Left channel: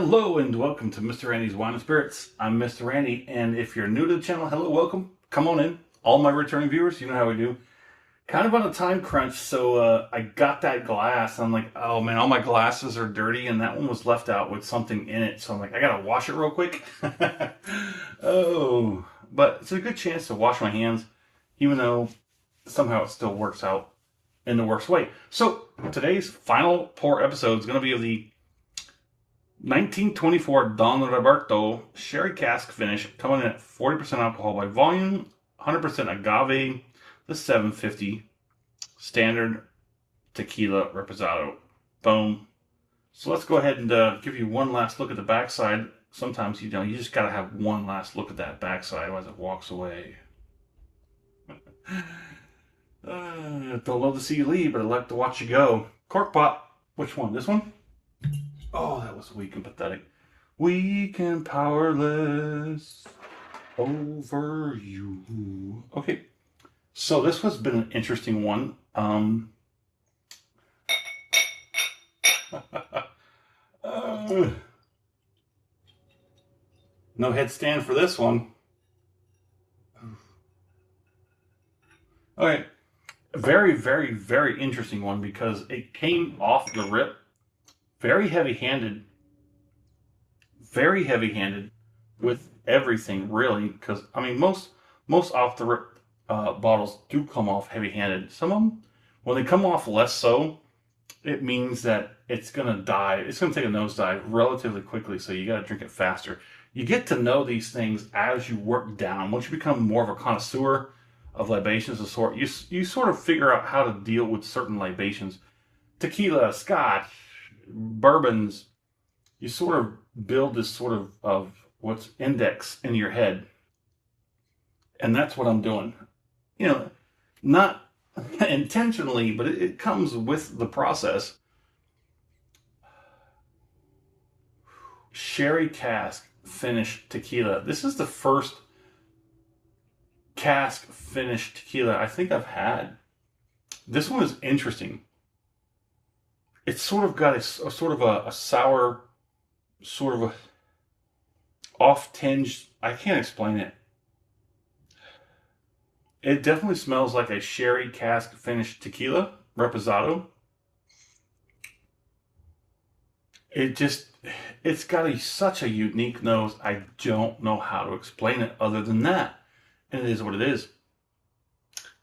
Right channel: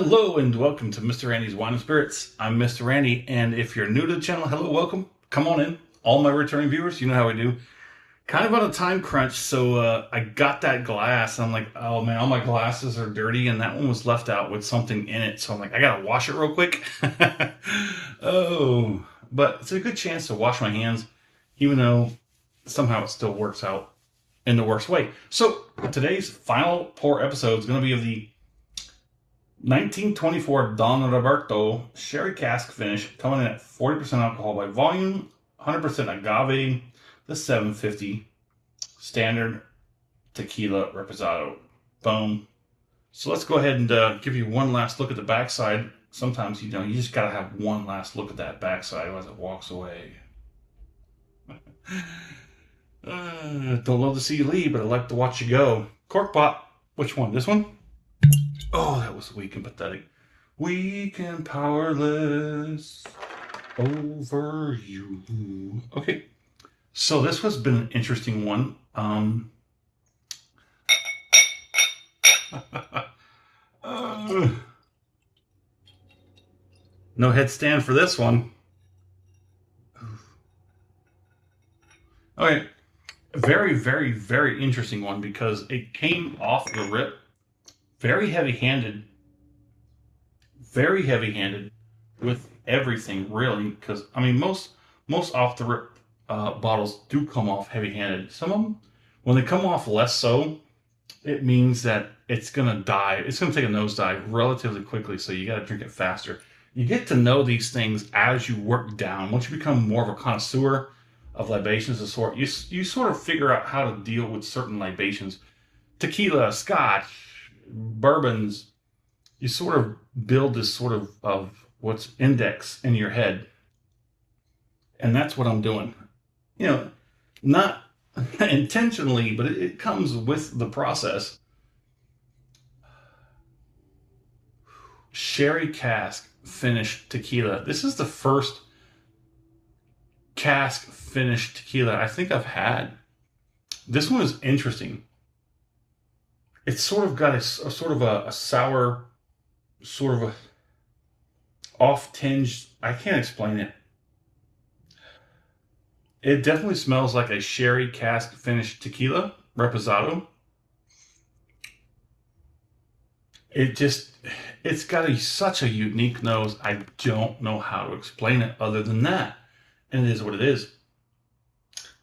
Hello and welcome to Mr. Randy's Wine and Spirits. I'm Mr. Randy, and if you're new to the channel, hello, welcome. Come on in. All my returning viewers, you know how we do. Kind of on a time crunch, so I got that glass, and I'm like, oh man, all my glasses are dirty, and that one was left out with something in it, so I'm like, I gotta wash it real quick. Oh, but it's a good chance to wash my hands, even though somehow it still works out in the worst way. So today's final pour episode is going to be of the 1924 Don Reberto Sherry Cask finish, coming in at 40% alcohol by volume, 100% agave, the 750 standard tequila reposado. Boom. So let's go ahead and give you one last look at the backside. Sometimes, you just got to have one last look at that backside, otherwise it walks away. Don't love to see you leave, but I like to watch you go. Cork pop. Which one? This one? Oh, that was weak and pathetic. Weak and powerless over you. Okay, so this has been an interesting one. No headstand for this one. Okay, very, very, very interesting one because it came off the rip. Very heavy-handed with everything, really, because I mean most off the rip bottles do come off heavy-handed. Some of them, when they come off less so, it means that it's gonna die. It's gonna take a nosedive relatively quickly, so you gotta drink it faster. You get to know these things as you work down. Once you become more of a connoisseur of libations of sort, you sort of figure out how to deal with certain libations. Tequila, scotch, bourbons, you sort of build this sort of what's index in your head. And that's what I'm doing. Not intentionally, but it comes with the process. Sherry Cask finished tequila. This is the first cask finished tequila I think I've had. This one is interesting. It's sort of got a sort of a sour, sort of a off tinge. I can't explain it. It definitely smells like a sherry cask finished tequila, reposado. It's got such a unique nose. I don't know how to explain it other than that. And it is what it is.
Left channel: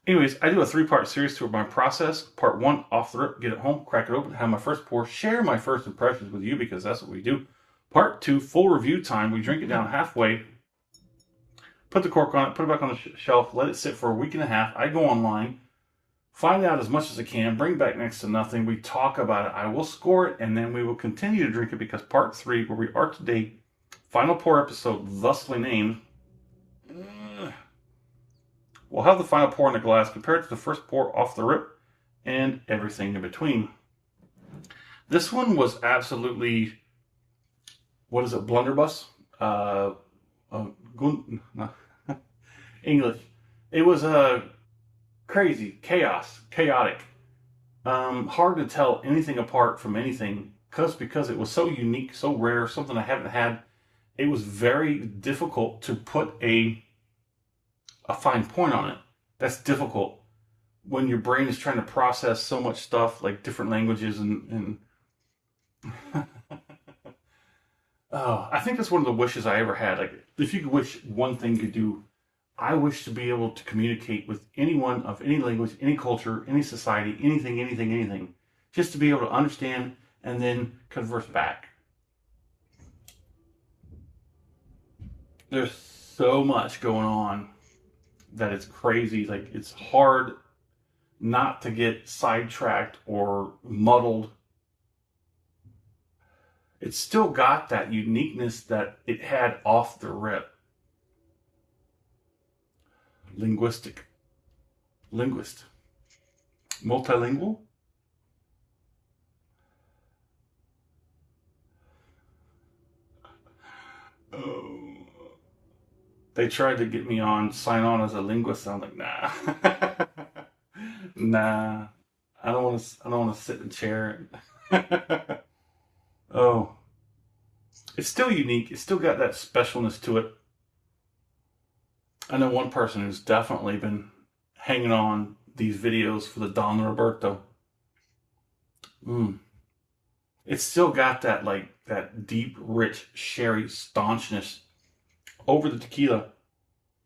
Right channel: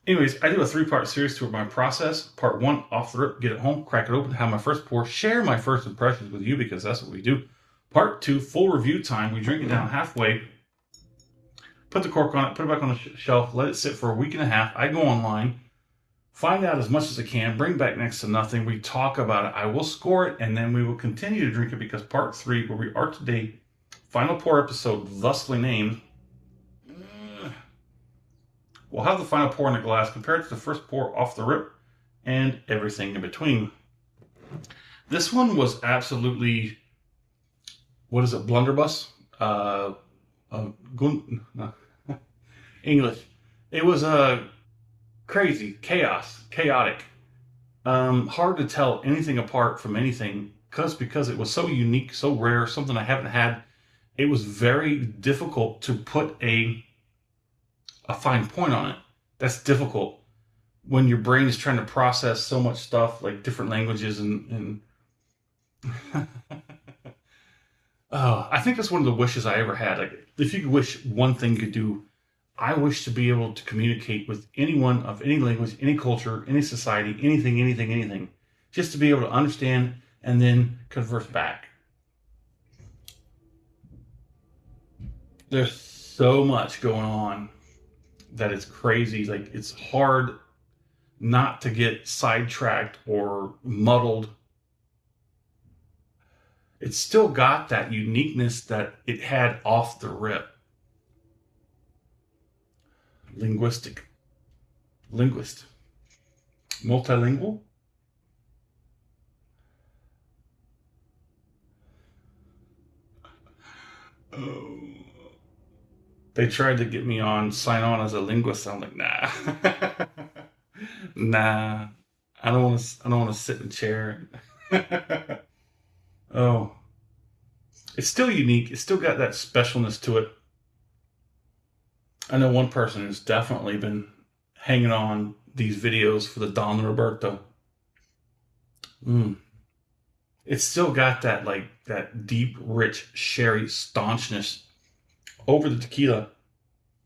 Anyways, I do a 3-part series to my process. Part 1, off the rip, get it home, crack it open, have my first pour, share my first impressions with you because that's what we do. Part 2, full review time. We drink it down halfway, put the cork on it, put it back on the shelf, let it sit for a week and a half. I go online, find out as much as I can, bring back next to nothing. We talk about it. I will score it, and then we will continue to drink it because Part 3, where we are today, final pour episode, thusly named, we'll have the final pour in the glass compared to the first pour off the rip and everything in between. This one was absolutely, what is it, blunderbuss? English. It was crazy, chaotic. Hard to tell anything apart from anything because it was so unique, so rare, something I haven't had. It was very difficult to put a fine point on it. That's difficult when your brain is trying to process so much stuff, like different languages and oh, I think that's one of the wishes I ever had. Like, if you could wish one thing you could do, I wish to be able to communicate with anyone of any language, any culture, any society, anything, just to be able to understand and then converse back. There's so much going on that it's crazy. Like, it's hard not to get sidetracked or muddled. It's still got that uniqueness that it had off the rip. Linguist, multilingual. Oh. They tried to get me sign on as a linguist. I'm like, nah. Nah. I don't want to sit in a chair. Oh. It's still unique. It's still got that specialness to it. I know one person who's definitely been hanging on these videos for the Don Reberto. It's still got that like that deep, rich sherry staunchness over the tequila,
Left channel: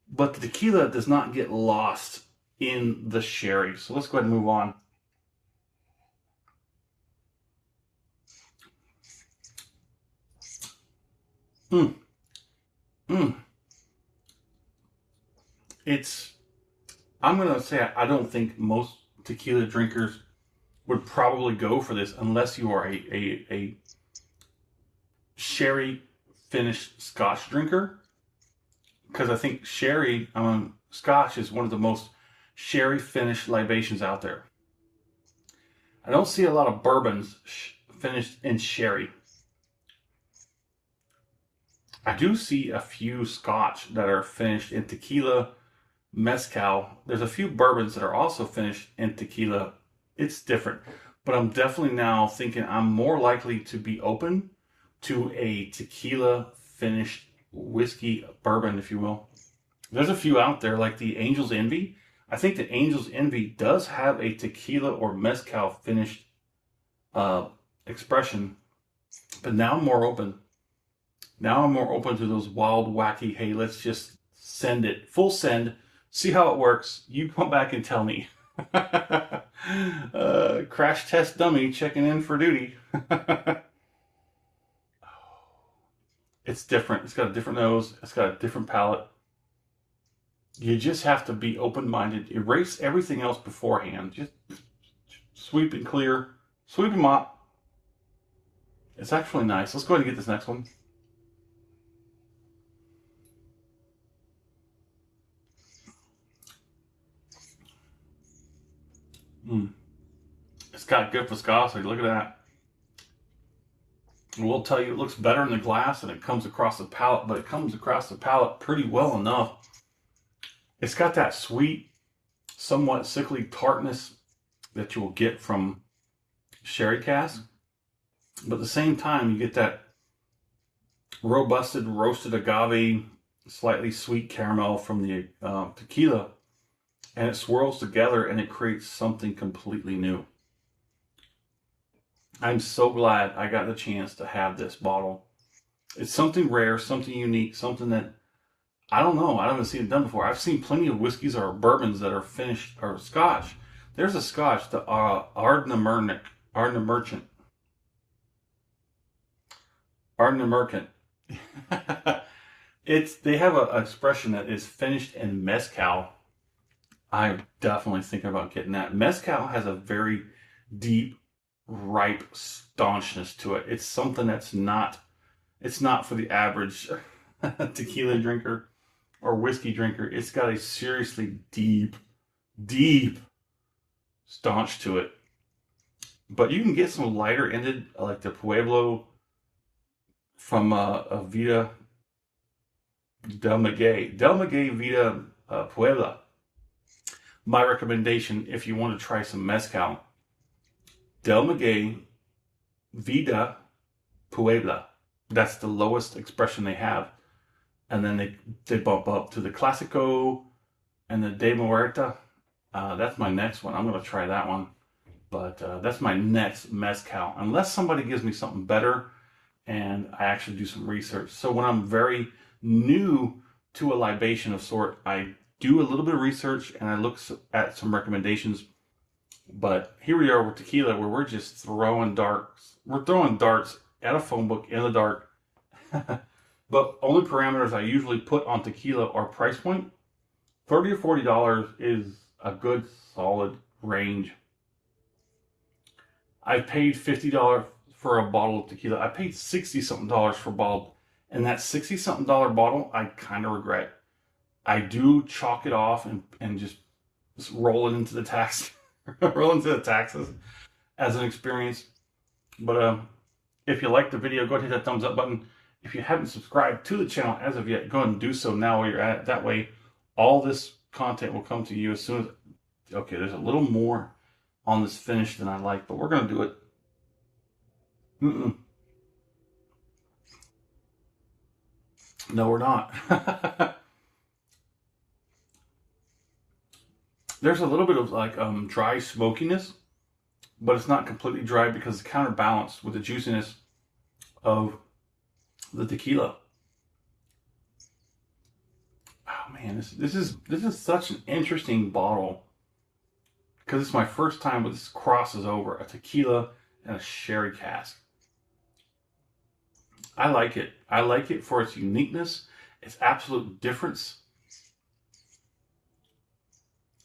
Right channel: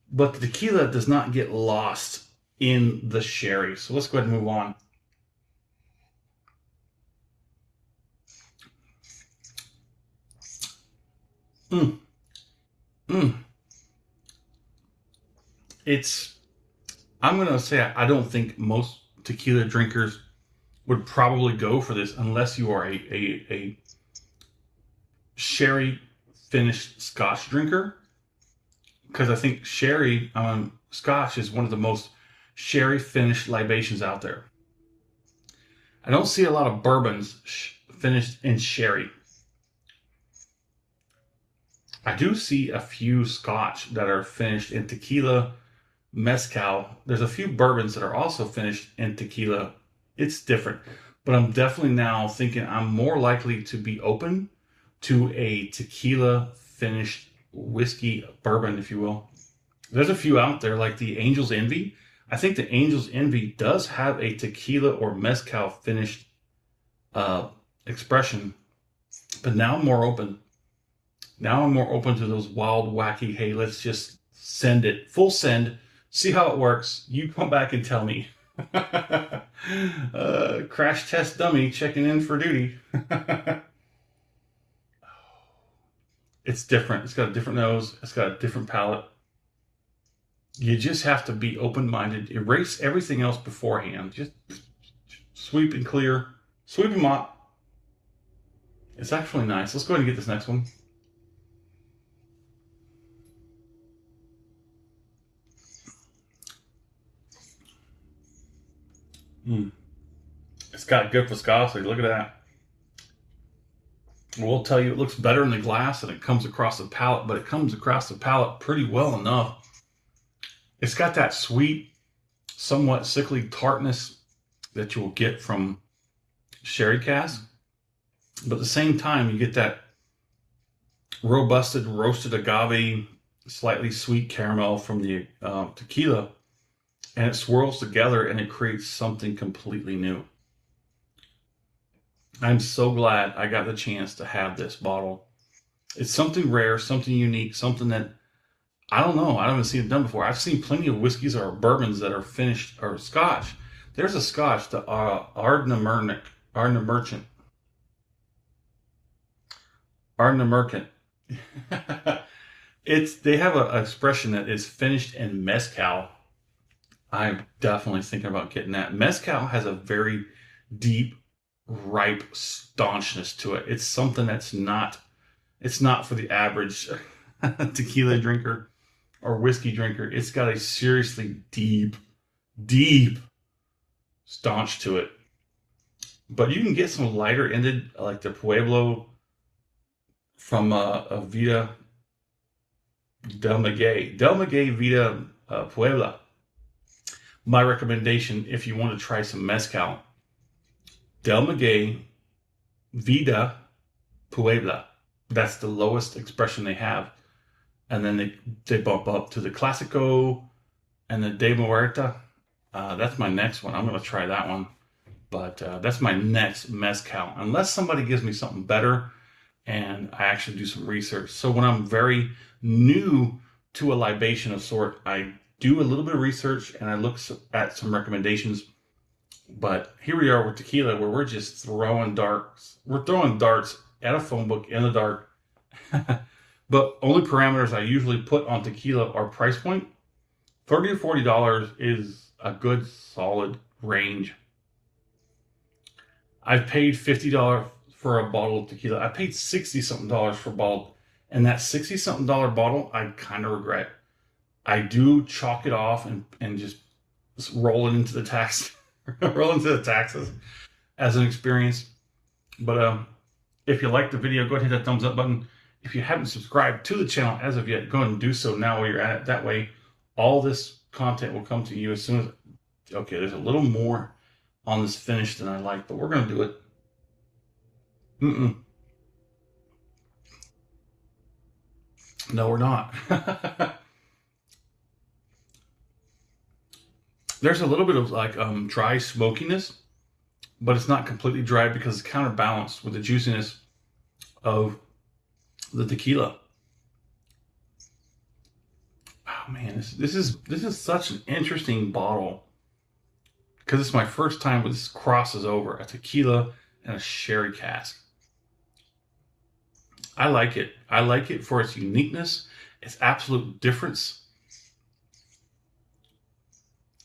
but the tequila does not get lost in the sherry. So let's go ahead and move on. Mm, mm. It's, I'm going to say, I don't think most tequila drinkers would probably go for this unless you are a sherry finished Scotch drinker. Because I think sherry Scotch is one of the most sherry finished libations out there. I don't see a lot of bourbons finished in sherry. I do see a few Scotch that are finished in tequila, mezcal. There's a few bourbons that are also finished in tequila. It's different, but I'm definitely now thinking I'm more likely to be open to a tequila finished whiskey bourbon, if you will. There's a few out there like the Angel's Envy. I think the Angel's Envy does have a tequila or mezcal finished expression, but now I'm more open. Now I'm more open to those wild, wacky, hey, let's just send it, full send, see how it works. You come back and tell me. Crash test dummy checking in for duty. It's different. It's got a different nose. It's got a different palate. You just have to be open-minded. Erase everything else beforehand. Just sweep and clear. Sweep and mop. It's actually nice. Let's go ahead and get this next one. It's got good viscosity. Look at that. We'll tell you it looks better in the glass and it comes across the palate, but it comes across the palate pretty well enough. It's got that sweet, somewhat sickly tartness that you will get from sherry cask, but at the same time you get that robusted, roasted agave, slightly sweet caramel from the tequila, and it swirls together and it creates something completely new. I'm so glad I got the chance to have this bottle. It's something rare, something unique, something that I don't know. I haven't seen it done before. I've seen plenty of whiskeys or bourbons that are finished, or Scotch. There's a Scotch, the Ardna Merchant. They have an expression that is finished in mezcal. I'm definitely thinking about getting that. Mezcal has a very deep, ripe staunchness to it. It's something that's not, it's not for the average tequila drinker or whiskey drinker. It's got a seriously deep, deep staunch to it. But you can get some lighter ended, like the Pueblo from Vida Del Maguey. Del Maguey Vida Puebla. My recommendation, if you want to try some mezcal, Del Maguey Vida Puebla. That's the lowest expression they have. And then they bump up to the Classico and the De Muerta. That's my next one. I'm going to try that one. But that's my next mezcal. Unless somebody gives me something better and I actually do some research. So when I'm very new to a libation of sort, I do a little bit of research and I look at some recommendations. But here we are with tequila, where we're just throwing darts. We're throwing darts at a phone book in the dark. But only parameters I usually put on tequila are price point. $30 or $40 is a good solid range. I've paid $50 for a bottle of tequila. I paid $60 something for a bottle, and that $60 something bottle I kind of regret. I do chalk it off and just roll it into the tax, roll into the taxes as an experience. But if you like the video, go ahead and hit that thumbs up button. If you haven't subscribed to the channel as of yet, go ahead and do so now while you're at it. That way, all this content will come to you as soon as... Okay, there's a little more on this finish than I like, but we're going to do it. No, we're not. There's a little bit of like dry smokiness, but it's not completely dry because it's counterbalanced with the juiciness of the tequila. Oh man, this is such an interesting bottle because it's my first time with this crosses over a tequila and a sherry cask. I like it. I like it for its uniqueness, its absolute difference,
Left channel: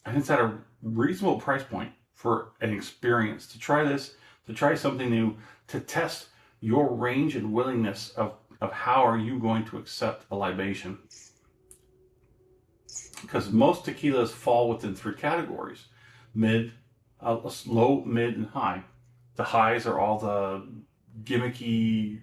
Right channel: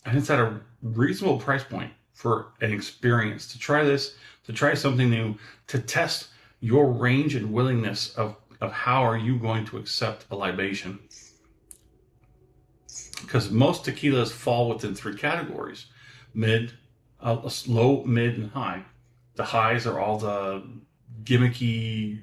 and it's at a reasonable price point for an experience. To try this, to try something new, to test your range and willingness of how are you going to accept a libation. Because most tequilas fall within three categories: mid, low, mid, and high. The highs are all the gimmicky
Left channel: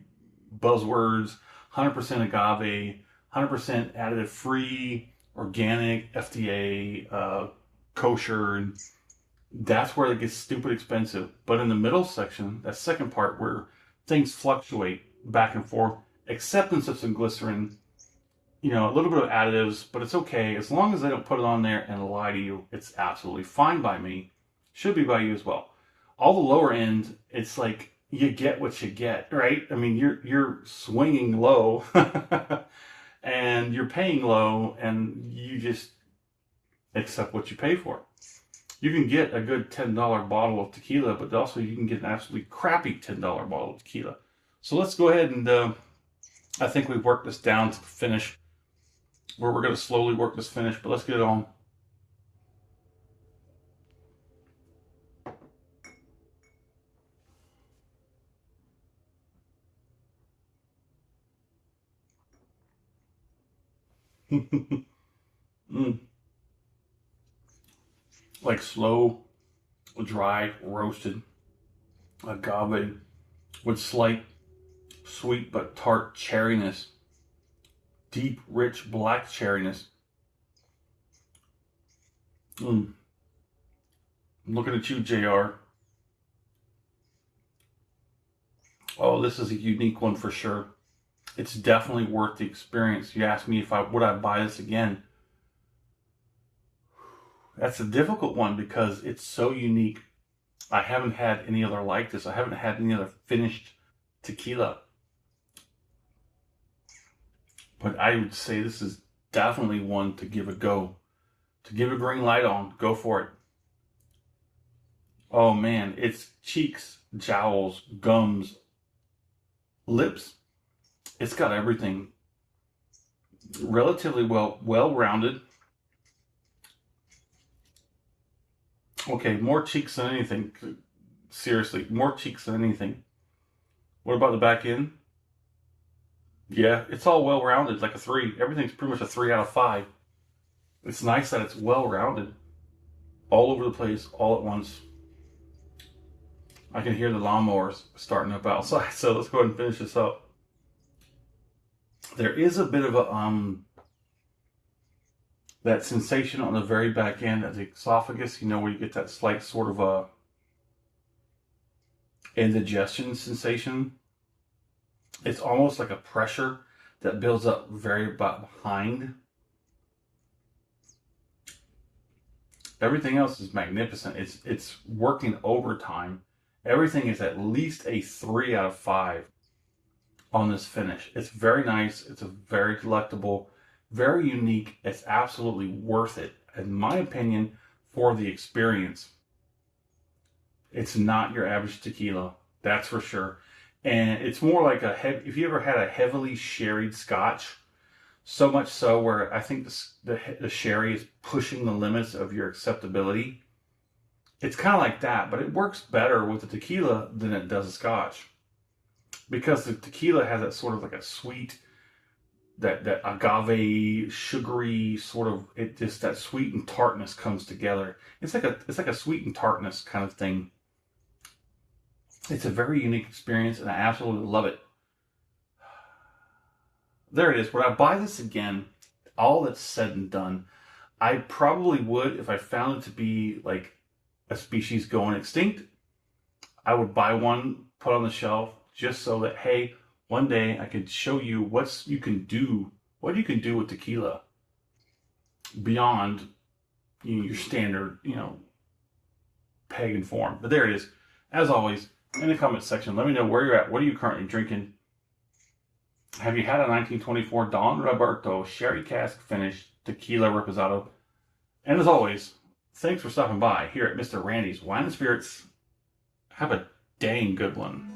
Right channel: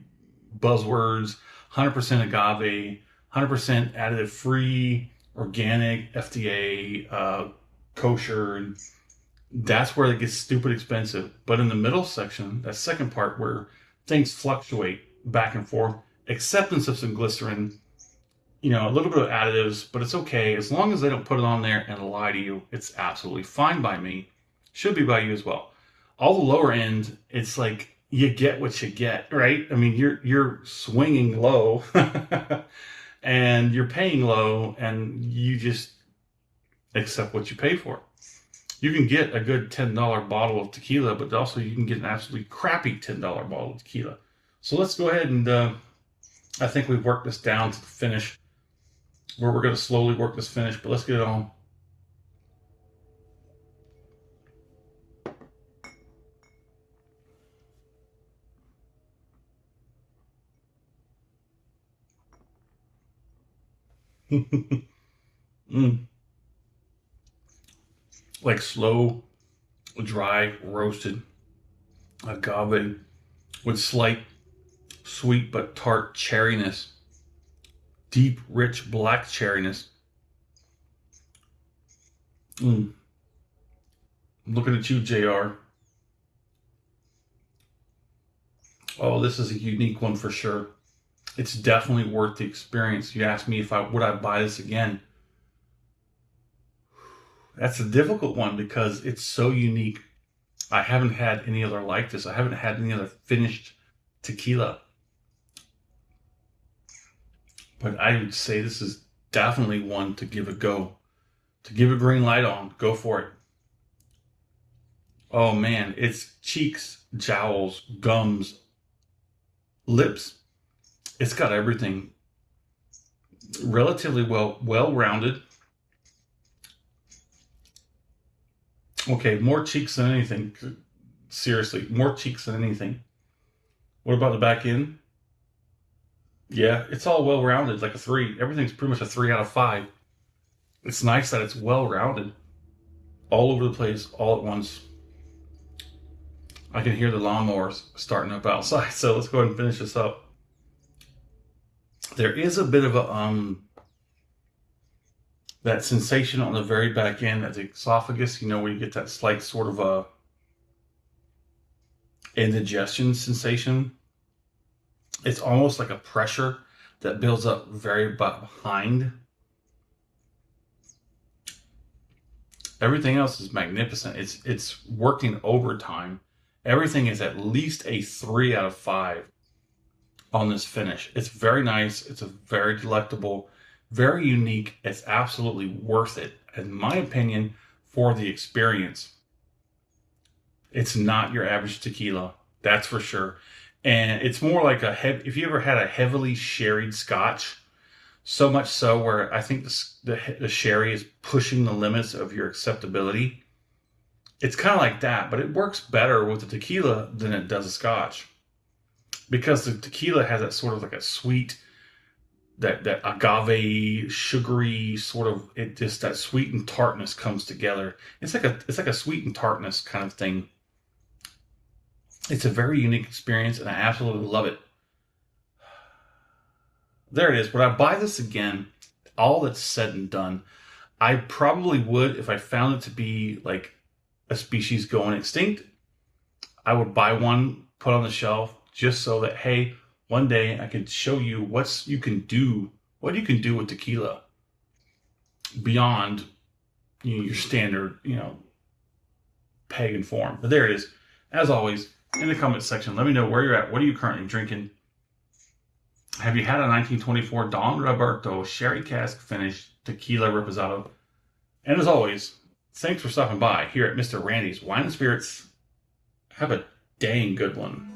buzzwords: 100% agave, 100% additive free, organic, FDA, kosher. That's where it gets stupid expensive. But in the middle section, that second part where things fluctuate back and forth, acceptance of some glycerin, a little bit of additives, but it's okay. As long as they don't put it on there and lie to you, it's absolutely fine by me. Should be by you as well. All the lower end, it's like you get what you get, right? I mean, you're swinging low and you're paying low and you just accept what you pay for. You can get a good $10 bottle of tequila, but also you can get an absolutely crappy $10 bottle of tequila. So let's go ahead and I think we've worked this down to the finish where we're going to slowly work this finish, but let's get it on. mm. Like slow, dry, roasted agave with slight sweet but tart cherryness, deep, rich black cherryness. I'm looking at you, JR. Oh, this is a unique one for sure. It's definitely worth the experience. You asked me if would I buy this again. That's a difficult one because it's so unique. I haven't had any other like this. I haven't had any other finished tequila. But I would say this is definitely one to give a go. To give a green light on. Go for it. Oh man, it's cheeks, jowls, gums, lips. It's got everything. Relatively well-rounded. Okay, more cheeks than anything. Seriously, more cheeks than anything. What about the back end? Yeah, it's all well-rounded, like a 3. Everything's pretty much a 3 out of 5. It's nice that it's well-rounded. All over the place, all at once. I can hear the lawnmowers starting up outside, so let's go ahead and finish this up. There is a bit of a that sensation on the very back end at the esophagus, where you get that slight sort of a indigestion sensation. It's almost like a pressure that builds up very behind. Everything else is magnificent. It's working overtime. Everything is at least a 3 out of 5 on this finish. It's very nice. It's a very delectable, very unique. It's absolutely worth it, in my opinion, for the experience. It's not your average tequila, that's for sure. And it's more like if you ever had a heavily sherried scotch, so much so where I think the sherry is pushing the limits of your acceptability. It's kind of like that, but it works better with the tequila than it does a scotch. Because the tequila has that sort of like a sweet, that agave, sugary sort of, that sweet and tartness comes together. It's like a sweet and tartness kind of thing. It's a very unique experience, and I absolutely love it. There it is. Would I buy this again? All that's said and done, I probably would if I found it to be like a species going extinct. I would buy one, put on the shelf, just so that, hey, one day I could show you what you can do what you can do with tequila beyond your standard, pagan form. But there it is. As always, in the comments section, let me know where you're at. What are you currently drinking? Have you had a 1924 Don Reberto Sherry Cask Finish Tequila Reposado? And as always, thanks for stopping by here at Mr. Randy's Wine and Spirits. Have a dang good one.